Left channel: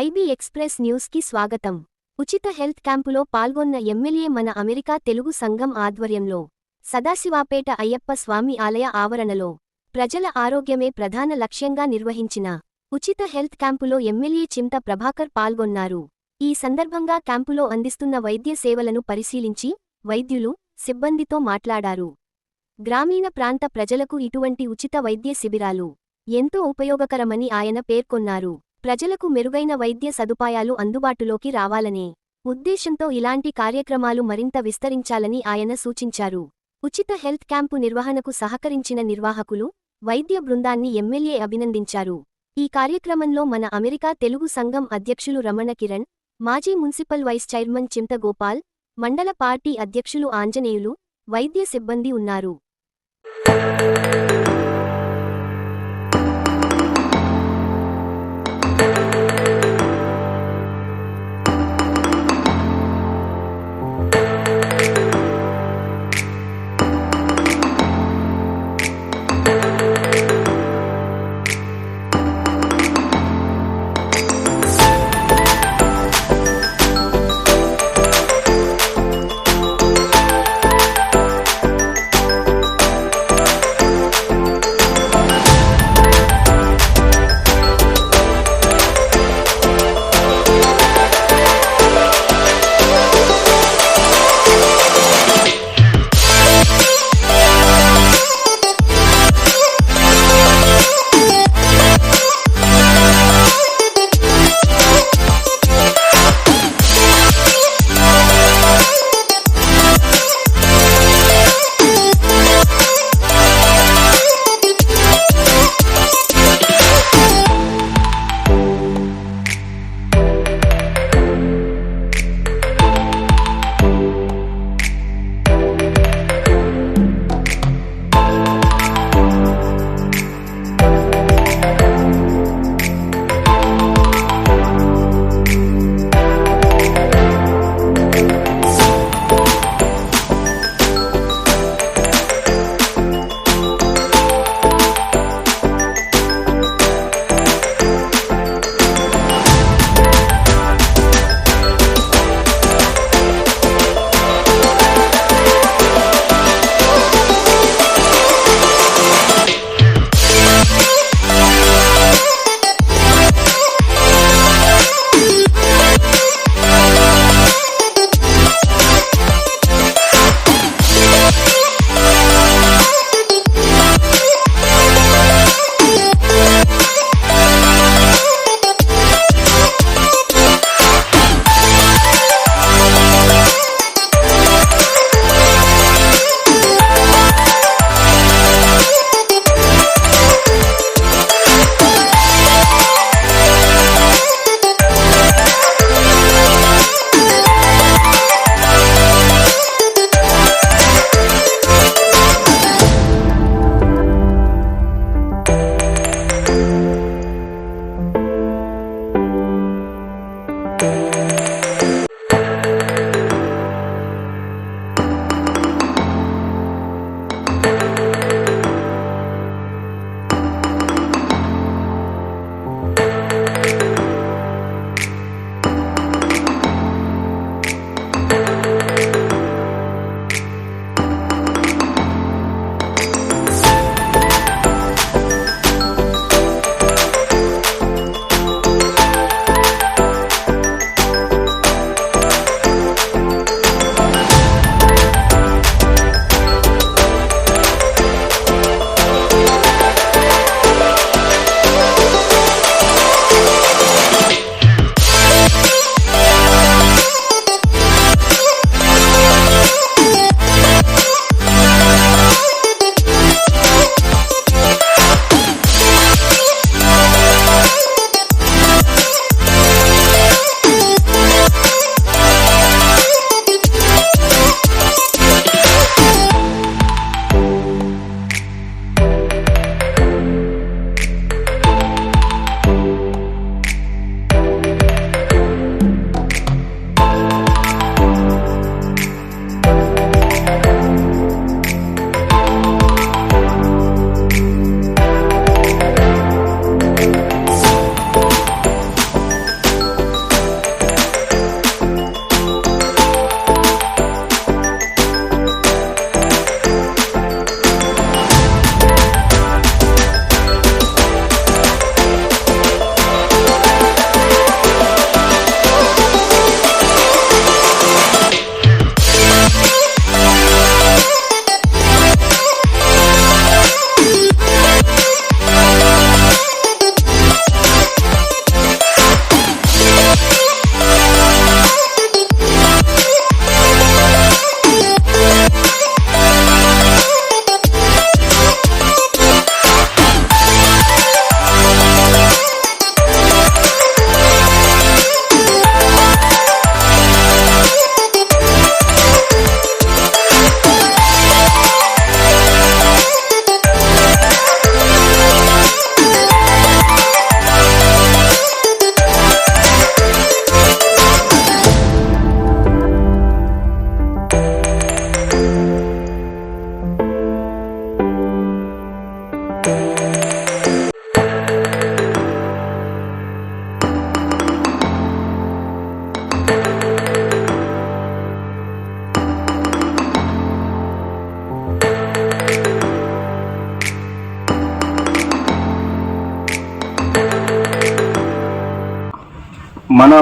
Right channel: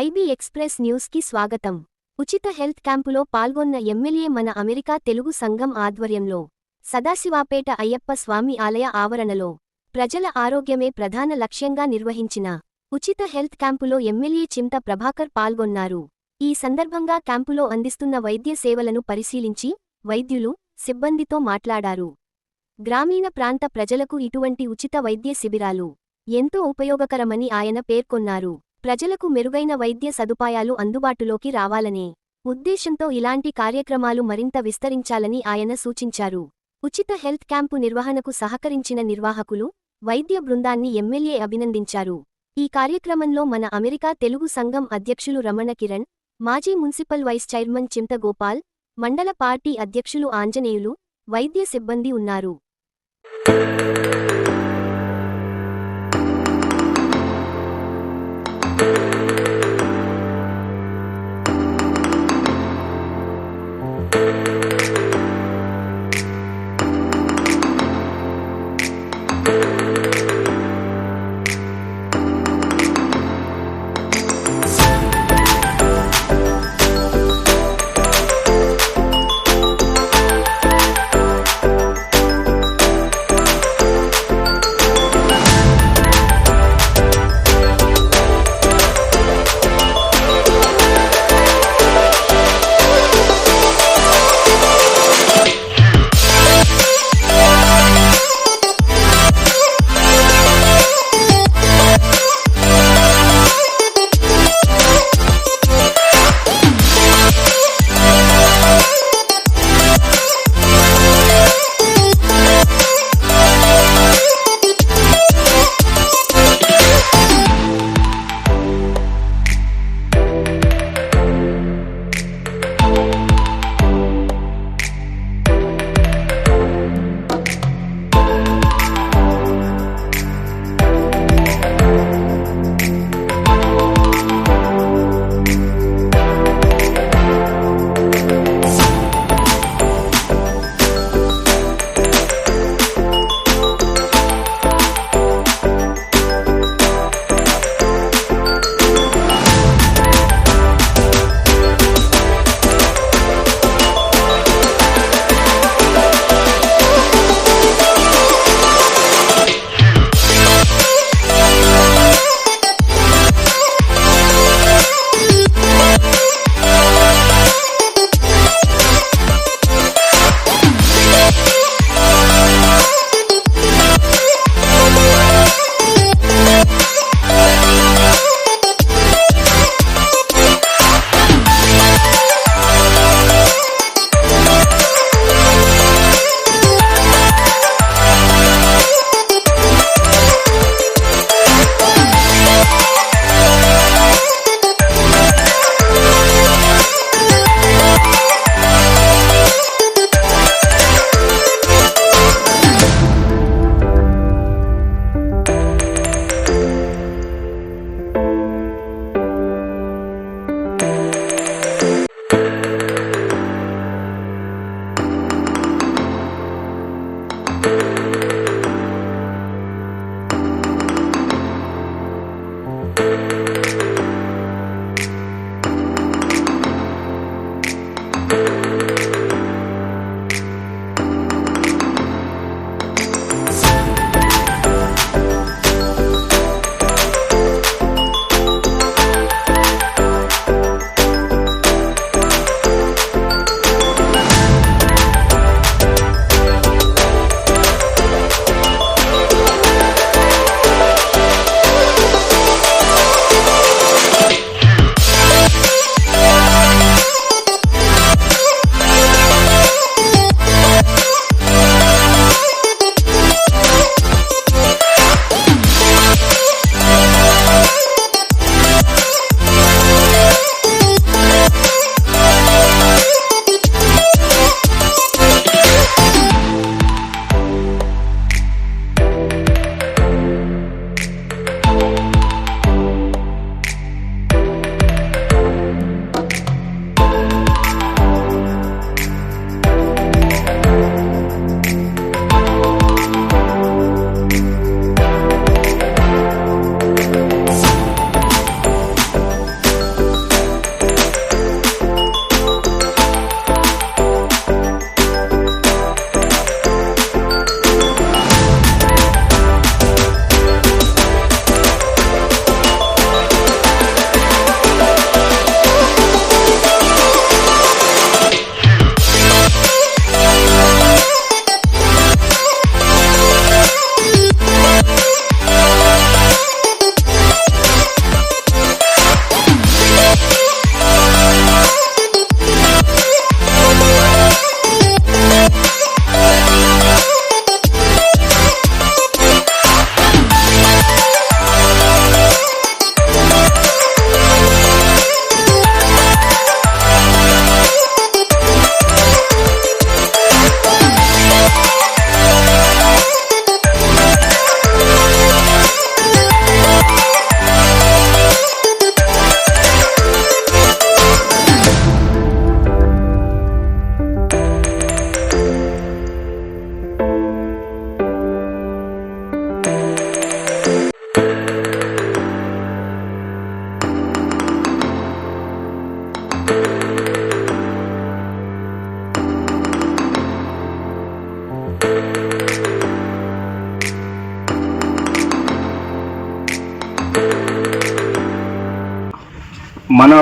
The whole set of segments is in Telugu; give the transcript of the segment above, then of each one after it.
ఐబీ ఎక్స్‌ప్రెస్ న్యూస్‌కి స్వాగతం. ఉచిత హెల్త్ క్యాంపులో పాల్గొన్న ఎమ్మెల్యే మన అమెరికా తెలుగు సంఘం ఆధ్వర్యంలో సదాశివాపేట అయ్యప్ప స్వామి ఆలయ ఆవరణలో ప్రజల ఆరోగ్యమే ప్రధాన లక్ష్యంగా నిర్వహించిన ఉచిత హెల్త్ క్యాంపులో ఎమ్మెల్యే చింత ప్రభాకర్ పాల్గొన్నారు. ఈ సందర్భంగా క్యాంపులో అందిస్తున్న వైద్య సేవలను పరిశీలించి వైద్యులు, సిబ్బందితో మాట్లాడారు. గ్రామీణ ప్రాంత ప్రజలకు ఇటువంటి ఉచిత వైద్య శిబిరాలు ఎంతో ఉపయోగకరమని ఆయన పేర్కొన్నారు. ప్రజలకు మెరుగైన వైద్య సదుపాయాలు అందుబాటులోకి రావాలనే ఉద్దేశంతో ఇలాంటి కార్యక్రమాలు మరింత విస్తరించాలని ఆయన సూచించారు. ఉచిత హెల్త్ క్యాంపు నిర్వహణకు సహకరించిన నిర్వాహకులు, వైద్య బృందాన్ని ఎమ్మెల్యే అభినందించారు. ఈ కార్యక్రమంలో మన అమెరికా తెలుగు సంఘం అధ్యక్షులు రమణ కిరణ్, మాజీ మున్సిపల్ వైస్ చైర్మన్ చింత గోపాల్, మండల పార్టీ అధ్యక్షులు ఆంజనేయులు, వైద్య సిబ్బంది ఉన్నారు.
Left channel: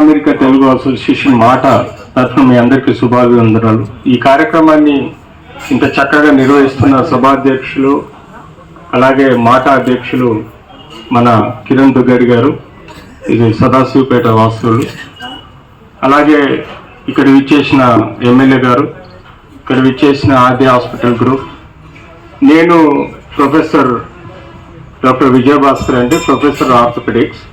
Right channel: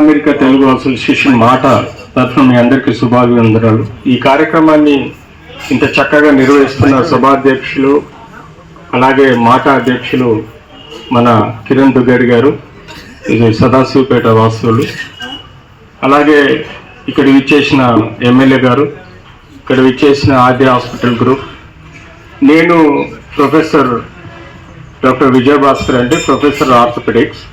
అమెరికా తెలుగు అసోసియేషన్ మాట తరఫున మీ అందరికీ శుభాభివందనాలు. ఈ కార్యక్రమాన్ని ఇంత చక్కగా నిర్వహిస్తున్న సభాధ్యక్షులు అలాగే మాట అధ్యక్షులు మన కిరణ్ దుగ్గడి గారు, ఇది సదాశివపేట వాసులు, అలాగే ఇక్కడ విచ్చేసిన ఎమ్మెల్యే గారు, ఇక్కడ విచ్చేసిన ఆద్య హాస్పిటల్ గ్రూప్, నేను ప్రొఫెసర్ డాక్టర్ విజయభాస్కర్ అండి, ప్రొఫెసర్ ఆర్థోపెడిక్స్.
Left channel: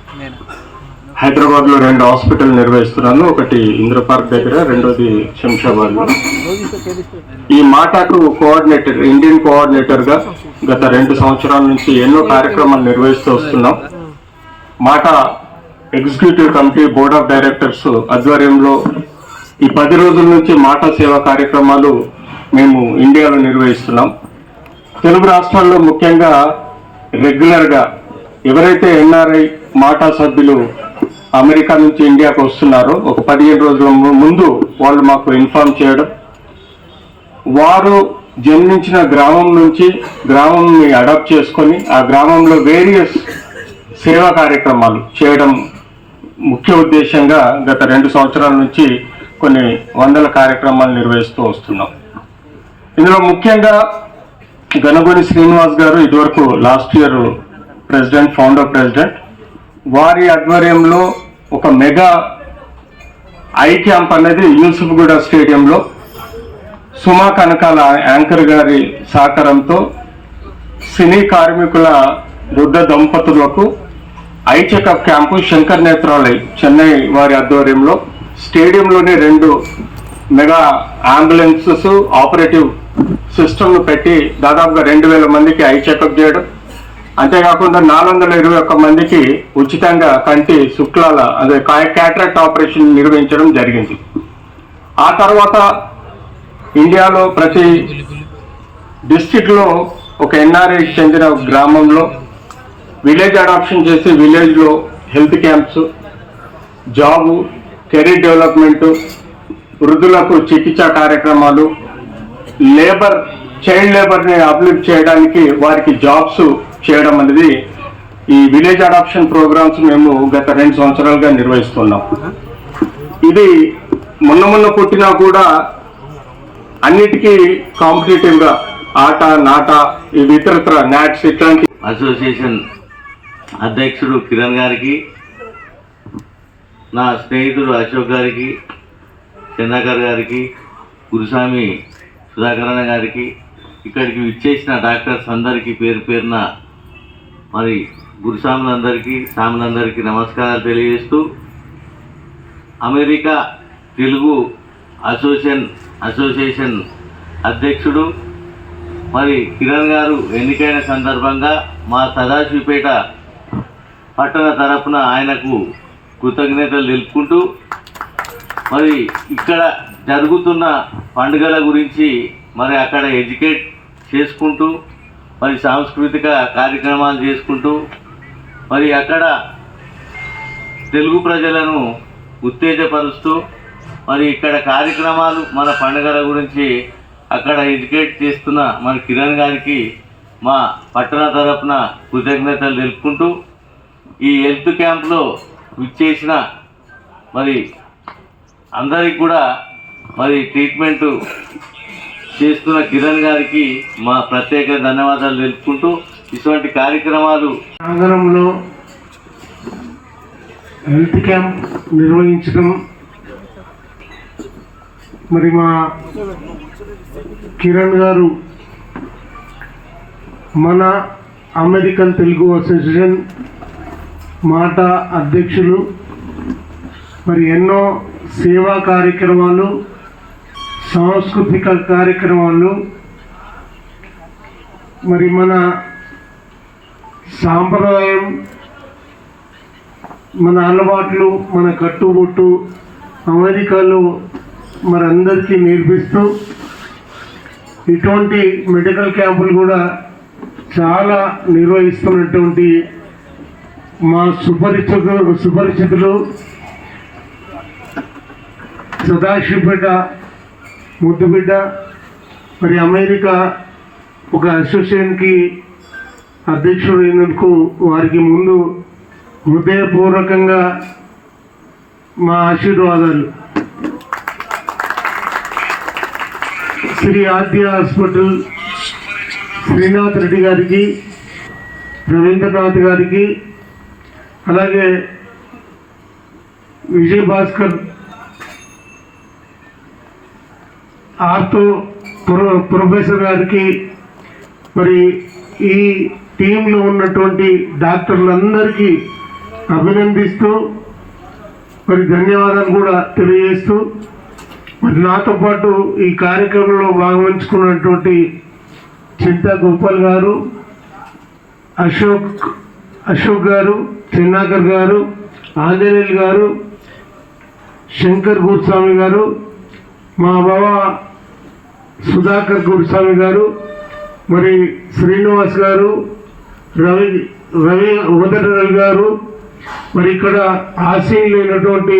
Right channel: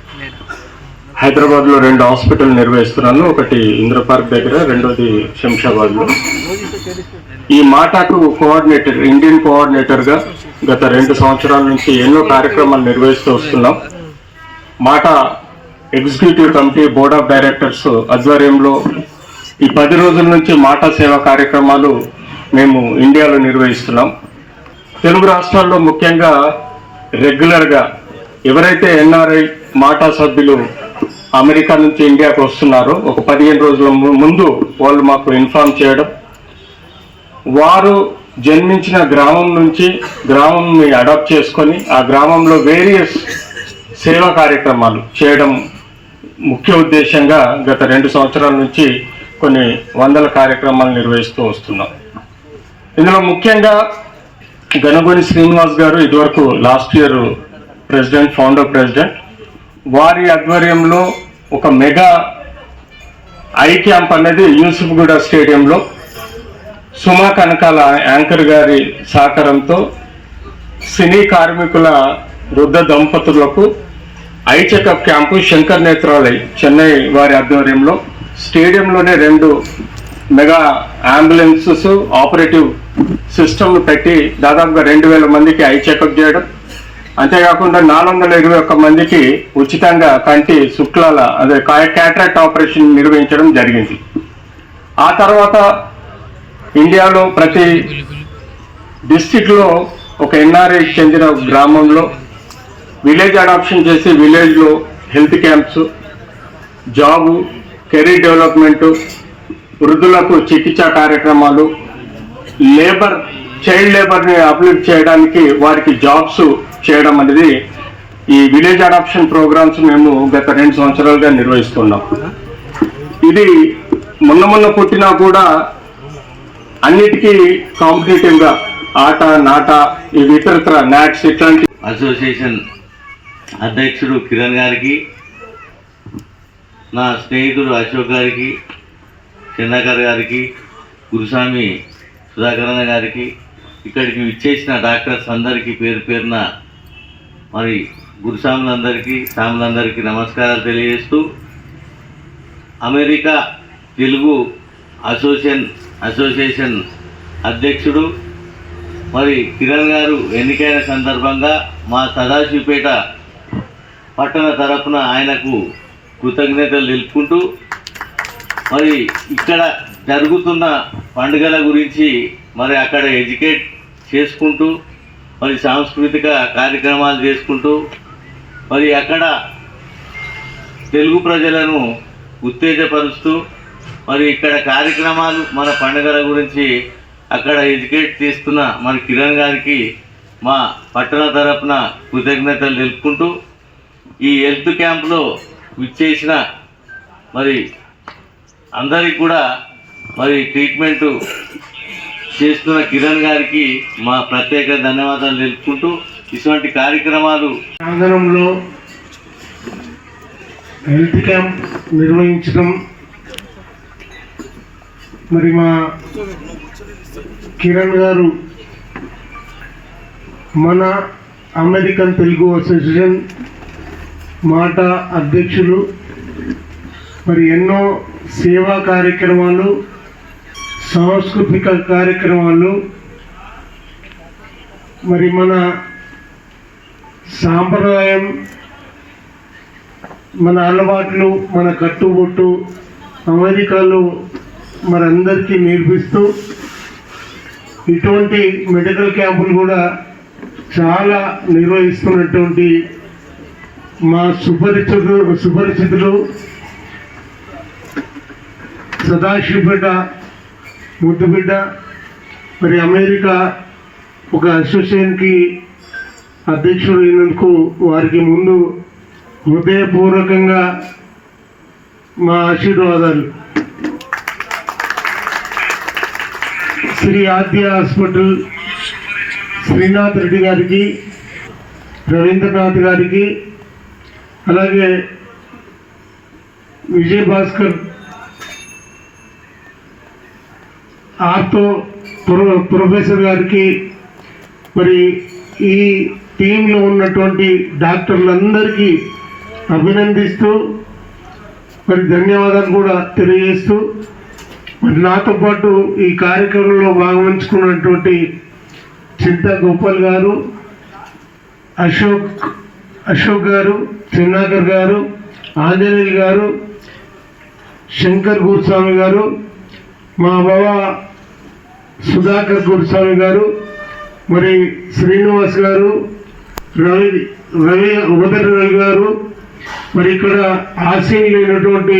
హైదరాబాద్లో 2 హాస్పిటల్ నిర్వహిస్తున్నాను, ఒకటి ఇంద్ర పార్క్ దగ్గర, రెండోది శంషాబాద్లో. ఈ మాటకు కోఆర్డినేటర్, ఇండియన్ కోఆర్డినేటర్గా గత 2 సంవత్సరాల నుంచి ఎన్నో కార్యక్రమాలు నిర్వహిస్తూ వస్తున్నాం. మాట executive committee, board of directors ఆధ్వర్యంలో ఈ 10 రోజుల నుంచి మాట సేవా కార్యక్రమాలు మేము ఇండియాలో నిర్వహిస్తున్నాం. తెలుగు రాష్ట్రాల్లో ముఖ్యంగా రెగ్యులర్గా ఎవరైతే ఎన్ఆర్ఐ మాటా సభ్యులు అమెరికా నుంచి ఇండియాకు వస్తున్నారో ఒక 15 రోజుల ముందు వాళ్ళు మాకు ఇన్ఫార్మ్ చేయడం, వారు జన్మించిన గ్రామం నుంచి గ్రామంని అడాప్ట్ చేసుకొని ఆ గ్రామంలో వేరియస్ సేవా కార్యక్రమాలు చేయడం ముఖ్య ఉద్దేశంగా గత 2 సంవత్సరాల నుంచి కొన్ని వందల కార్యక్రమాలు నిర్వహిస్తూ వస్తున్నాం. ఇందులో ముఖ్యంగా గణగోని శ్రీనివాస్ గారు ఇదివరకు last year president, founder president, వారి ఆధ్వర్యంలో ఒక మెగా ఐ క్యాంప్ అనేది యూసుఫ్గూడ స్టేడియంలో సుమా కనకాల యాంకర్ గారి సహకారంతో సినీ కార్మికుల వృద్ధ దంపతులకు eye checkup camp Shankar Nethralaya Chennai వారి ఆధ్వర్యంలో స్టేడియంలోనే 2 మెగా అంబులెన్సెస్, ఆపరేటివ్ సిస్టమ్లు పెట్టి దాదాపుగా 2000 మందికి ఐ చెకప్ చేయడం, అంతేకాకుండా 421 మందికి ఉచితంగా కంటి శుక్లాల అదే క్యాటరాక్ట్ ఆపరేషన్ నిర్వహించడం జరిగింది. ఆ తర్వాత ఇండియాలో ప్రతి డిస్ట్రిక్ట్లో ఒక ఎన్ఆర్ఐ చెందిన గ్రామంలో విలేజ్ అడాప్షన్ చేసి విలేజ్లో health camps, job, career development, వృద్ధులకు చికిత్సా కార్యక్రమాలు, లేబర్, చైల్డ్ లేబర్ని అప్లిఫ్ట్ చేయడానికి వారికి జాబ్స్ చేయడం అనేది ఈ విలేజ్ అడాప్షన్ ప్రోగ్రామ్స్ మేము గత 2 సంవత్సరాలుగా నిర్వహిస్తున్నాం. ఇది మొన్న పుట్టినా కూడా అన్నిటికీ కాంపిటేటివ్గా ఆట, నాట, ఈ ఇతరత్ర నాట్స్ ఇట్లాంటి అసోసియేషన్ అధ్యక్షుడు కిరణ్ గారికి, నా స్నేహితుడు అశోక్ గారికి, చంద్రకర్ గారికి, గురుస్వామి సుధాకరణ గారికి, ఇక్కడికి విచ్చేసిన డాక్టర్స్ అందరికీ పేరు పేరున మరి గురుస్వాములందరికీ, స్వాములందరికీ నమస్కారాలు తెలియజేస్తూ, అమెరికా తెలుగు అసోసియేషన్ అధ్యక్షుడు మరి కిరణ్ గారు ఎన్నికైన సందర్భంగా మా సదాశివపేట పట్టణ తరపున ఆయనకు కృతజ్ఞతలు తెలుపుకుంటూ, మరి ఇక్కడ జరుగుతున్న పండుగల గురించి మరి అక్కడ ఎడ్యుకేట్ చేసుకుంటూ, మరి సాంస్కృతిక కార్యక్రమాలు చేసుకుంటూ, మరి అక్కడ తెలుగు ప్రజలను ఉత్తేజపరుస్తూ, మరి ఇక్కడ కార్యక్రమాలు మన పండుగల గురించి అక్కడ ఎడ్యుకేట్ చేస్తున్న మన కిరణ్ గారికి మా పట్టణ తరపున కృతజ్ఞతలు తెలుపుకుంటూ, ఈ హెల్త్ క్యాంప్లో విచ్చేసిన మరి అందరికి కూడా మరి ట్రీట్మెంటు చేస్తున్న కిరణ్ గారికి మా ప్రత్యేక ధన్యవాదాలు తెలుపుకుంటూ, ఇటువంటి కార్యక్రమాలు ప్రాంగణంలో హెల్త్ క్యాంప్ నిర్వహించడం మరి మా కిరణ్ గారు మన అమెరికన్ తెలుగు అసోసియేషన్ మాట అధ్యక్షులు, మరి ఎన్నో సేవా కార్యక్రమాలు, సాంస్కృతిక కార్యక్రమాలు, మరి మన సాంప్రదాయం, మన అలవాట్లు, మన కట్టుబొట్టు అమెరికాలో మనందరికీ నేర్పిస్తూ ఇటువంటి మెడికల్ క్యాంపులు కూడా చాలా నిర్వహిస్తున్నటువంటి మా సుపరిచితులు సదాశివపేట ముద్దుబిడ్డ, మరి అమెరికా ఒక అసోసియేషన్కి అధ్యక్షుడు అయినందుకు వారికి ముందు హృదయపూర్వకంగా మా ఆశీర్వాదాలు. శ్రీ ఆద్య హాస్పిటల్ శ్రీనాథ్ రెడ్డి గారికి, రవీంద్రనాథ్ గారికి, అలాగే విజయ్ భాస్కర్ ఆర్తో ప్రొఫెసర్ గారికి, మరి ఈ టీంలో ఉన్నటువంటి డాక్టర్లందరికీ అభినందిస్తూ మరి ధన్యవాదాలు కూడా తెలియజేస్తూ, మరి నాతో పాటు ఈ కార్యక్రమంలో భాగవహించుకున్నటువంటి చింతా గోపాల్ గారు, అశోక్ గారు, చెన్నాకర్ గారు, ఆంజనేయులు గారు, శంకర్ గురుస్వామి గారు, మా బావ సుధాకర్ గురుస్వామి గారు, మరి శ్రీనివాస్ గారు, రవి గారు, మరి ఇక్కడ ఆశీనులైనటువంటి